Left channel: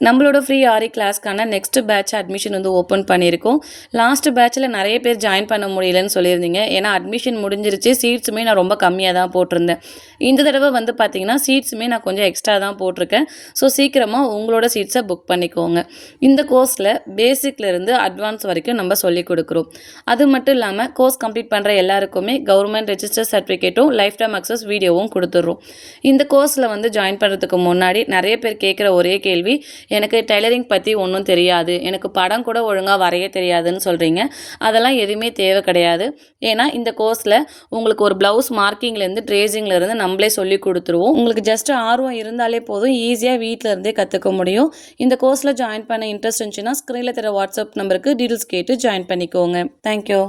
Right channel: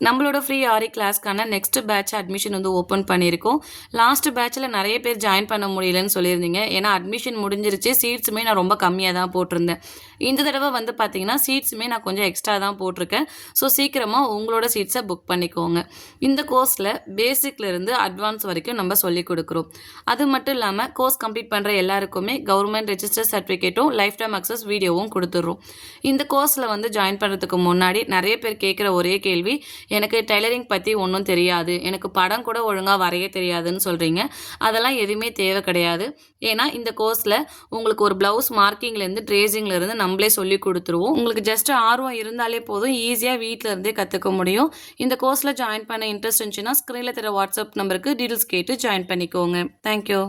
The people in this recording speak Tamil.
நம்மளோட ஃப்ரீ ஆரி கிளாஸ்க்கான நெக்ஸ்ட் பேட்ச் அட்மிஷன் வந்து ஓப்பன் பண்ணியிருக்கோம். லாஸ்ட் பேட்ச்சில் நிறைய பேர் ஜாயின் பண்ண முடியலன்னு சொல்லியிருந்தீங்க. ஏன்னா அட்மிஷன் முடிஞ்சிருச்சு. சீட்ஸுமே நான் ரொம்ப கம்மியாக தான் போட்டிருந்தேன். இந்த தடவை வந்து பார்த்தீங்கன்னா சீட்ஸுமே நான் கொஞ்சம் எக்ஸ்ட்ரா தான் போட்டிருக்கேன். ஸோ சீக்கிரமாக உங்களோட சீட்ஸை புக் பண்ணிக்கோங்க. இந்த கோர்ஸில் பேசிக்லேருந்து அட்வான்ஸ் வரைக்கும் நம்ம சொல்லிக் கொடுக்குறோம். அது மட்டும் இல்லாமல் கோர்ஸ் கம்ப்ளீட் பண்ணுற எல்லாருக்குமே கவர்மெண்ட் ரெஜிஸ்டர் சர்டிஃபிகேட்டும் லைஃப் டைம் அக்சஸ் வீடியோவும் கொடுத்துட்றோம். இந்த கோர்ஸில் வந்து ஜாயின் பண்ணுறதுக்கு முன்னாடி நிறைய பேர் கேட்குற ஒரே கேள்வி, எனக்கு டெய்லரிங் பற்றி ஒன்றும் தெரியாது, எனக்கு படம் கூட ஒழுங்காக வரைய தெரியாதுன்னு சொல்கிறீங்க. அதெல்லாம் எதுவுமே தேவை கிடையாது. ஏன்னா இந்த கோர்ஸில் உங்களுக்கு ஒரு ப்ளவுஸ் மார்க்கிங்லேருந்து ட்ரேசிங்லேருந்து நம்மளே சொல்லி கொடுத்துருவோம். உங்களுக்கு ஜஸ்ட் ஆர்வம் இருந்தாலே போதும், ஈஸியாக வீட்டில் இருந்தே கற்றுக்க முடியும். இந்த கோர்ஸில் ஜாயின் பண்ண இன்ட்ரெஸ்ட் இருந்துச்சுன்னா ஸ்க்ரீனில் தர வாட்ஸ்அப் நம்பருக்கு டீட்டெயில்ஸ் கேட்டு ஜாயின் பண்ணிக்கோங்க. தேங்க்யூ.